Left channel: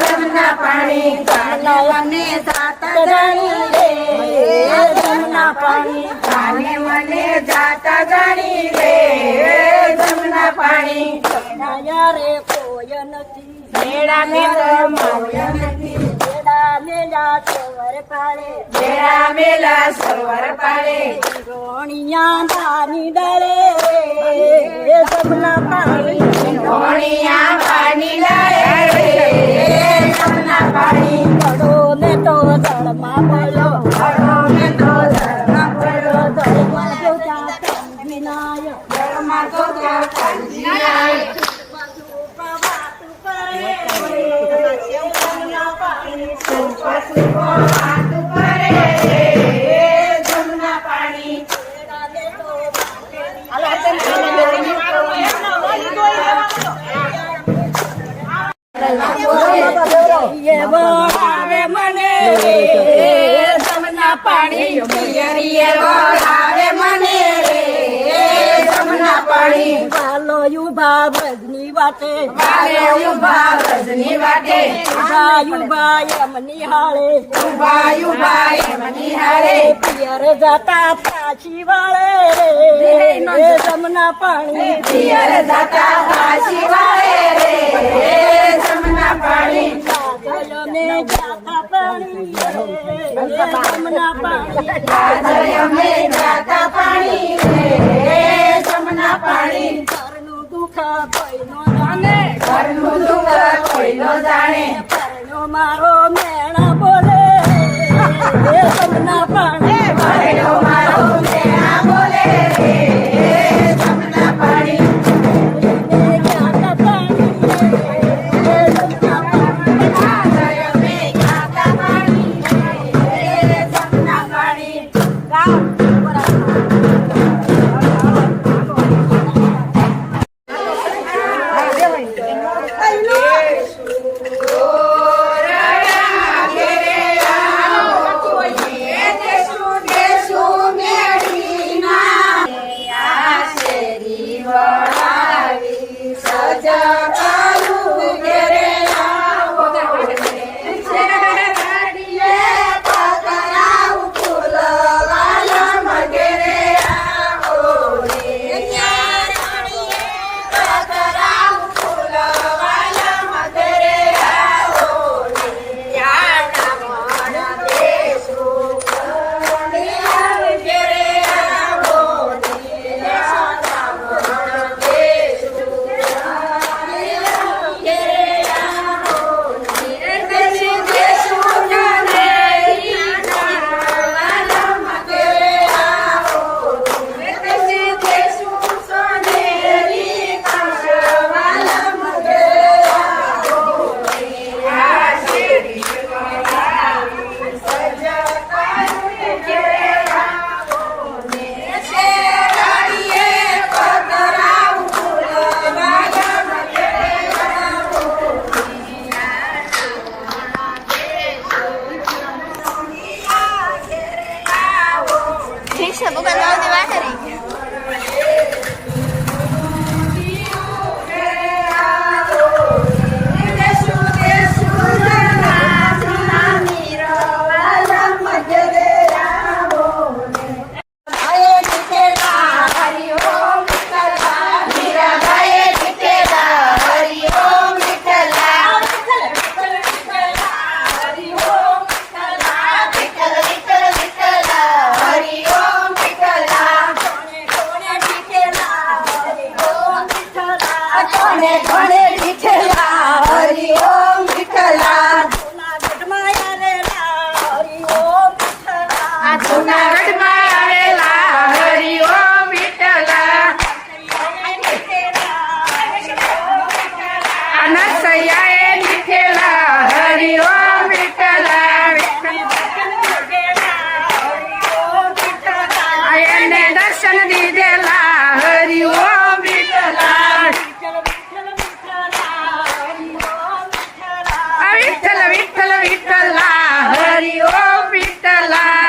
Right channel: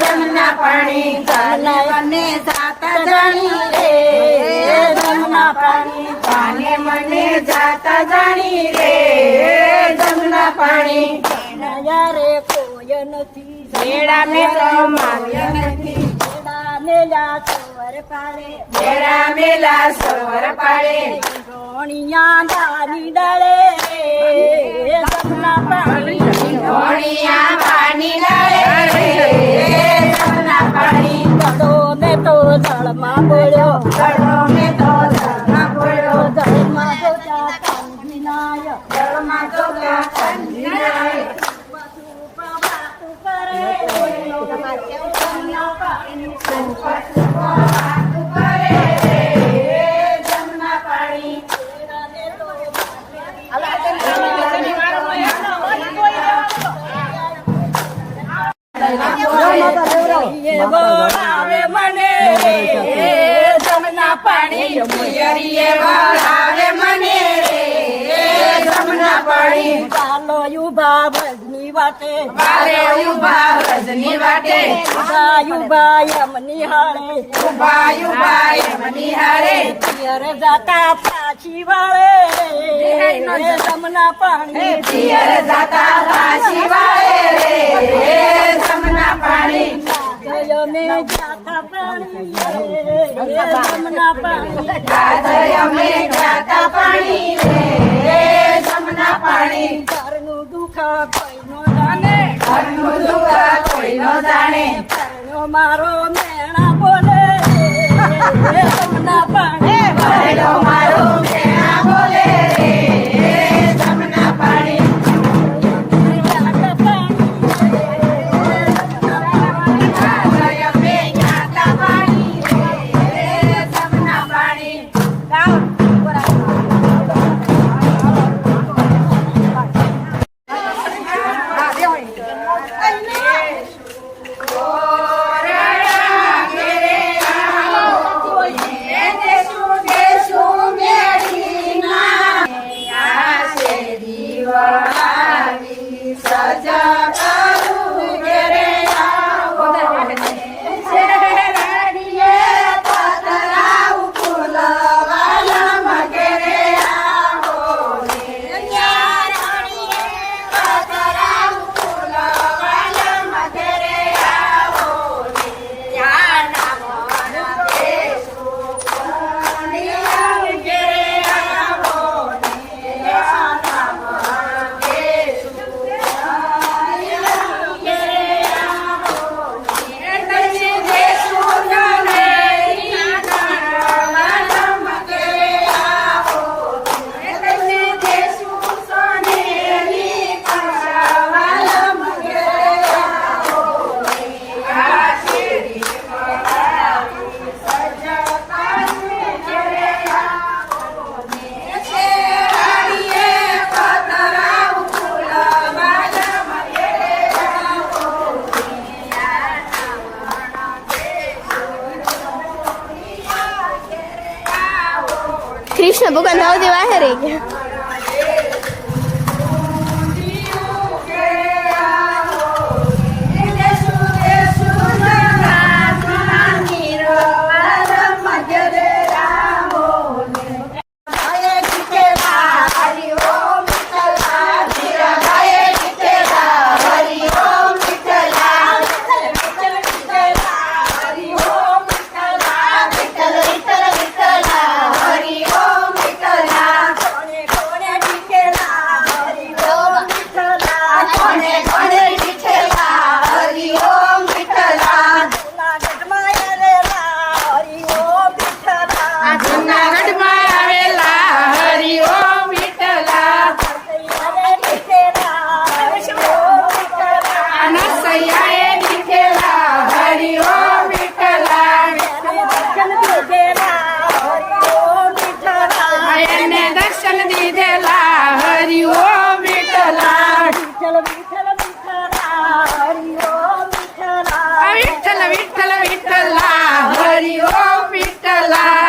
જમના પાણી મને જાતા જાણી રે જમના પાણી કાને મને જાતા જાણી રે જમના પાણી યારે કોઈ નથી મેળા મેલા મોય નથી મેળા મેલા સવર પાડે મેળા મેલા સવર પાડે ઢોણિયા દાની ડાળે જમના પાણી ઢોણિયા પાણી ડાળે જમના પાણી પડો ને તો જળમાં પડ્યો પડો ને તો જળમાં પડ્યો જળમાં તો કાંજીનાય જળમાં તો કાંજીનાય જમના પાણી મને જમના પાણી પાલો યુભા વ્રજની વાટે યુભા વ્રજની વાટે યુભા યમની હાળે યુભા યમની હાળે પિયર જાતા પાછી વાળે રે જમના પાણી પિયર જાતા પાછી વાળે રે જમના પાણી અમે જાતા પાણી જમના પાણી અમે જાતા પાણી જમના પાણી ઘરનું દુઃખ કોઈ નો જાણે ઘરનું દુઃખ કોઈ નો જાણે મારો મેણા બોલે જમના પાણી મારો મેણા બોલે જમના પાણી કૃષ્ણ ભગવાન જાવ દેવા હરે દર્શન દીધેલા હરિ ઓમ વિઠ્ઠલા વિઠ્ઠલ વિઠ્ઠલ વિઠ્ઠલા હરિ ઓમ વિઠ્ઠલા